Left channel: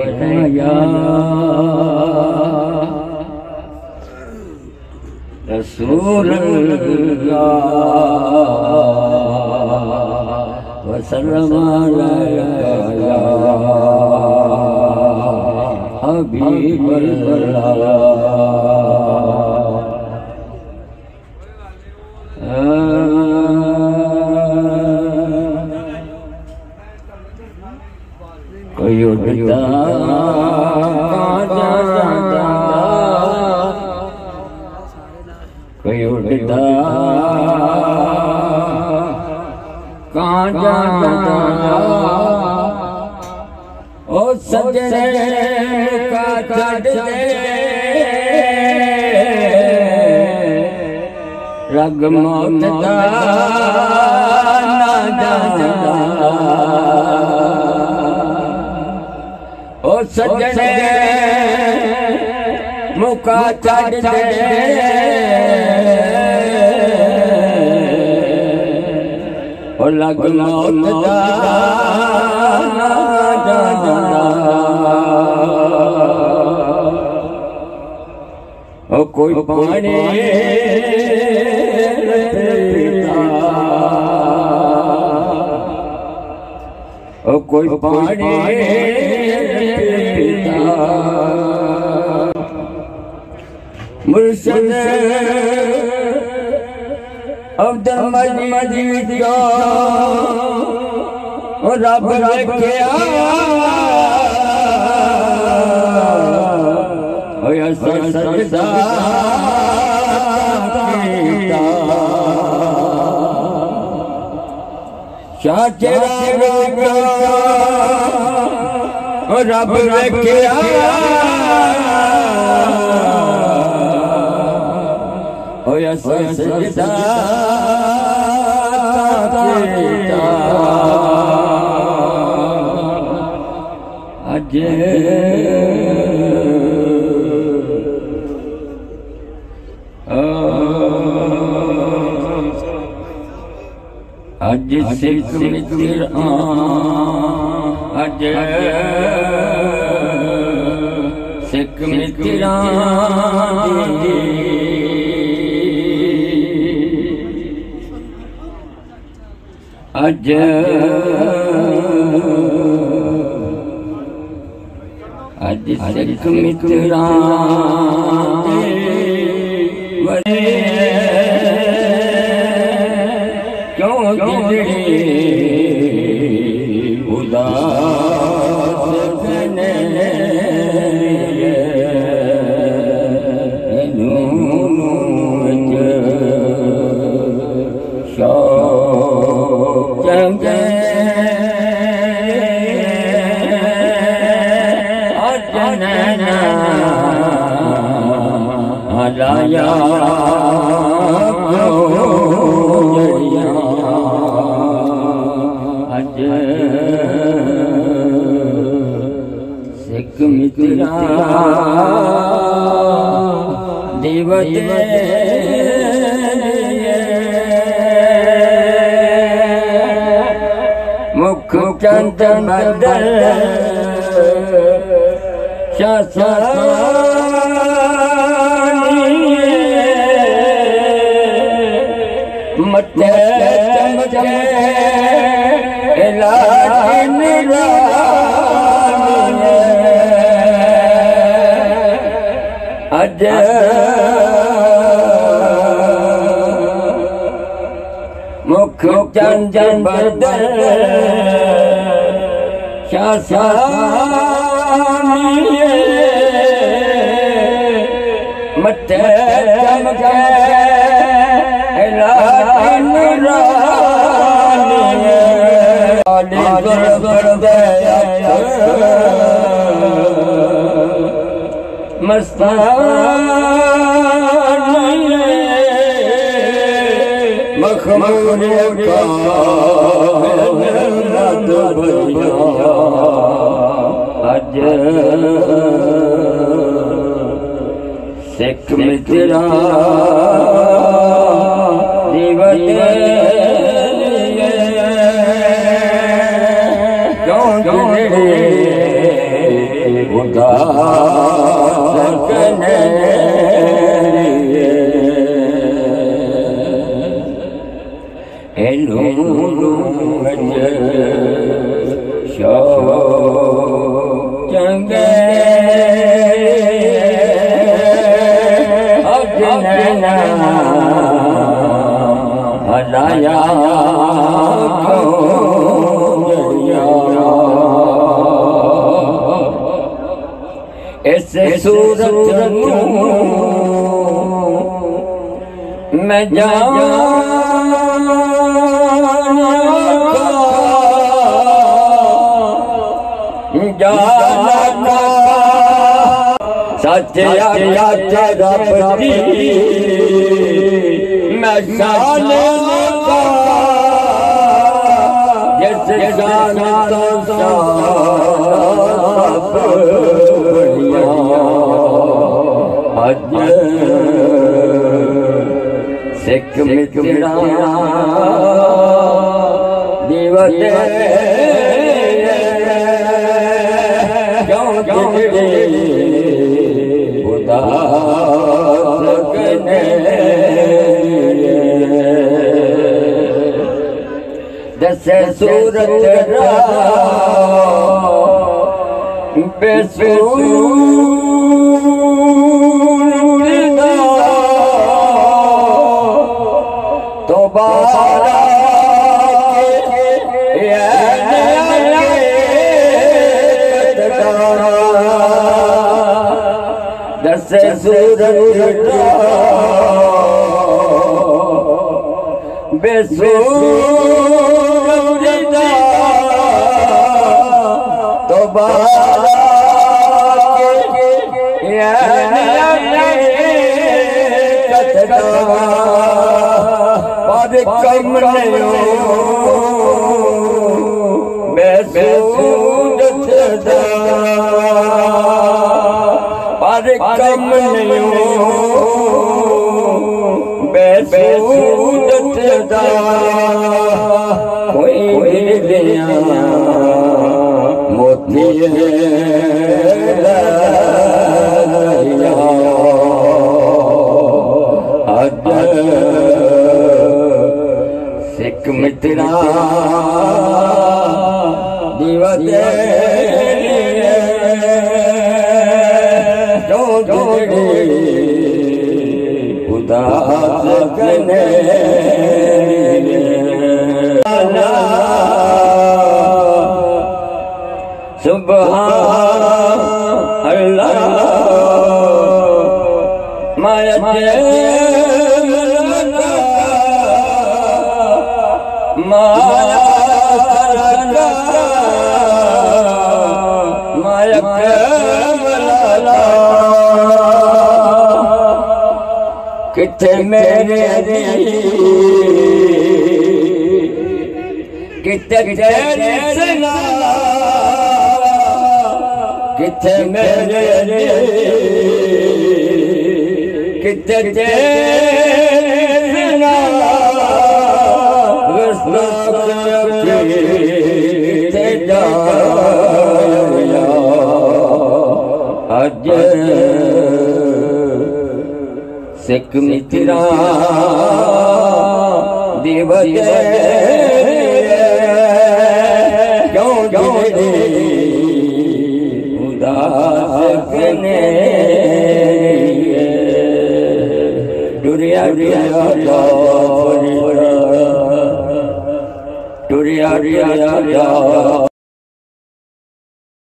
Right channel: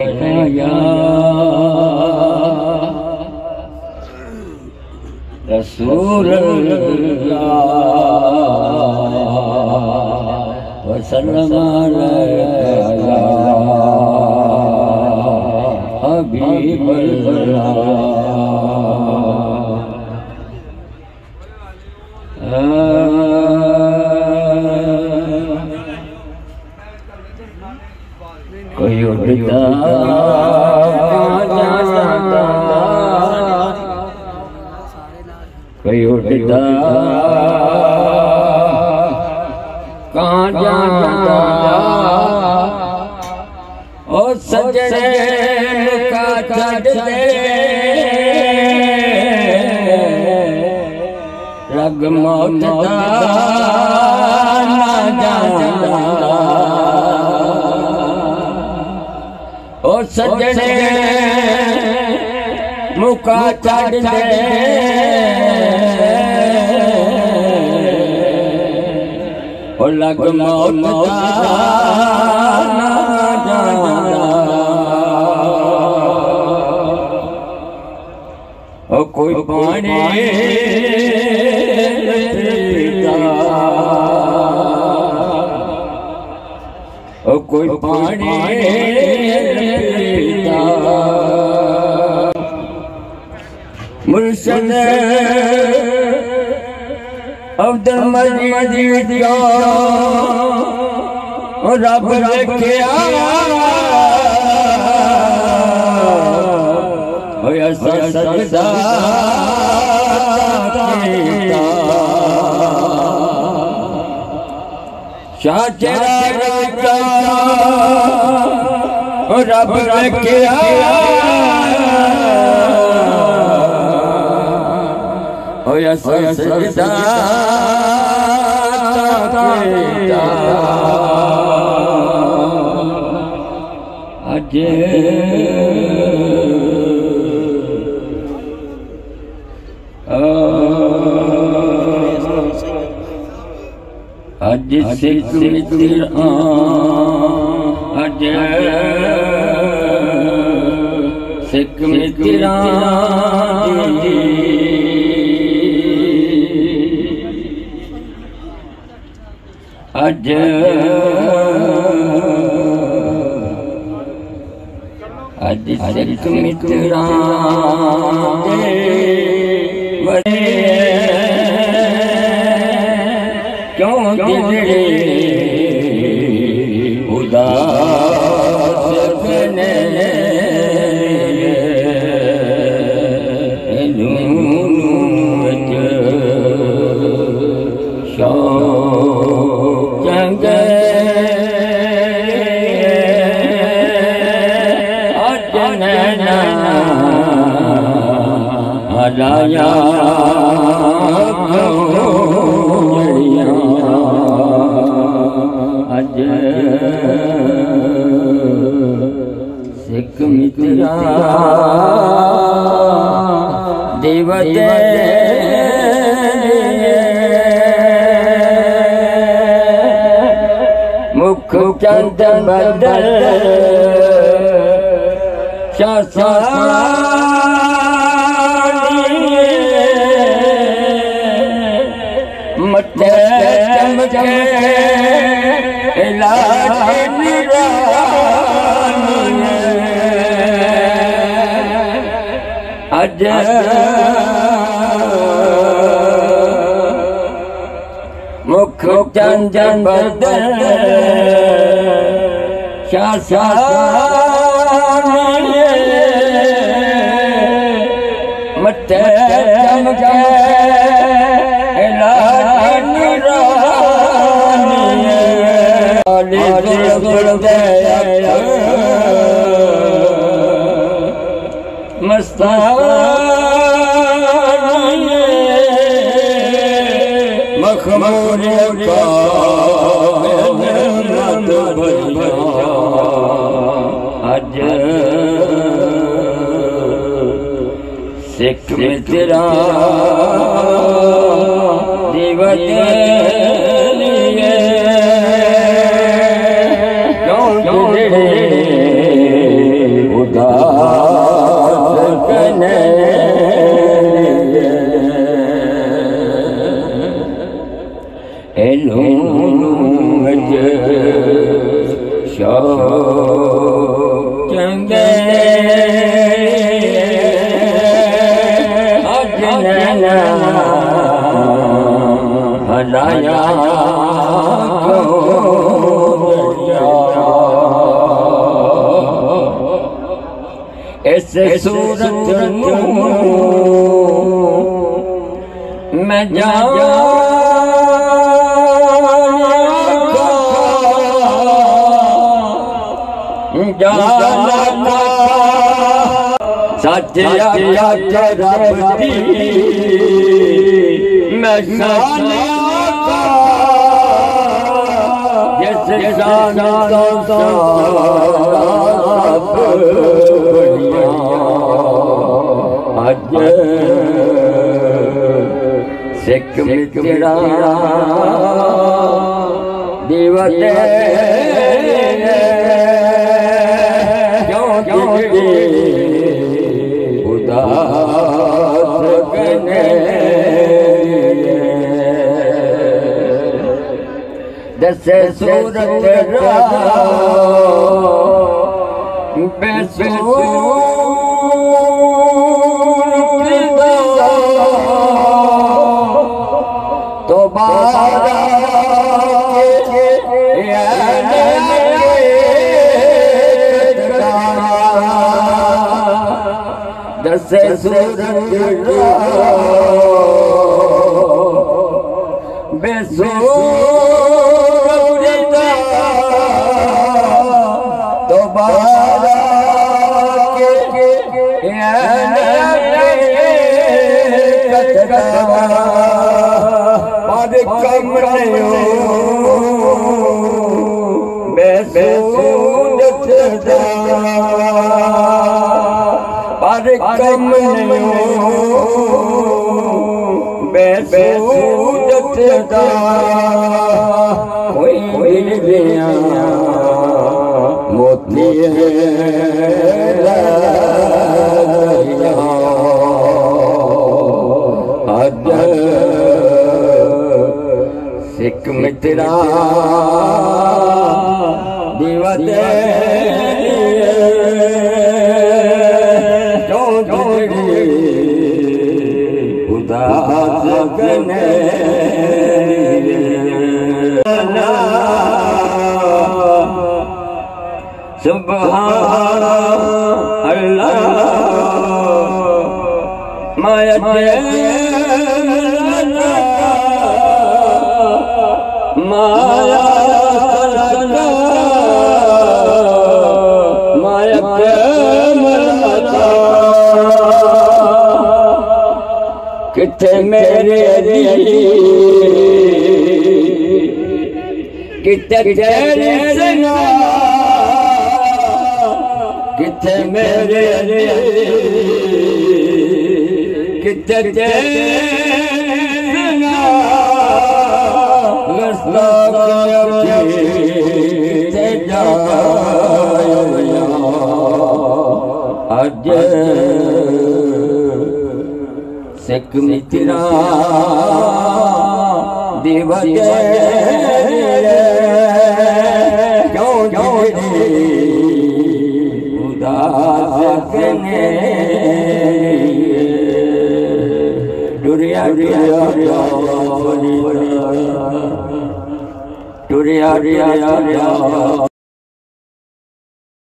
या रसूल अल्लाह वसल्लम अलैका हबीब कोई उड़ता कोई उड़ता कहाँ जाता ओ सजने का छड़ दे रग मौत दा ना जाता ओ सजने मुका छड़ दे ओ लग मौत दा ना जाना ओ कोई पानी पीता ओ कोई पानी पीता मुर्शिद अब्दुल मजीद का रब रखिया सजदा शाचरा रब रखिया सजदा अज सिख मित्र अज सिख मित्र अज अज सिख मित्र क्यों दिलड़े उदास बने शौक चंगे हराया अज सिख मित्र देवते मुख चंद बदल मत चमके लाल अज मुख चंद बदल मत चमके मखमूर अज सिख मित्र देवते क्यों चंगे अजनन हलाया इस सूरत मैं जाना सच रब दी मैं जाना जिस जाना तो सब बढ़िया अज सिख मित्रा दीवते दस सूरत तो बारा दस सूरत तो बारा पर कम नहीं बेसूरत पर कम नहीं बेसूरत मोती सिख मित्रा दीवते खुदा लगने सुभान अल्लाह माया माया किथे मेरे किथे तेरे सना किथे मेरे किथे तेरे सना रस्ता करके जाया अज सिख मित्रा दिवते उदासने टुरिया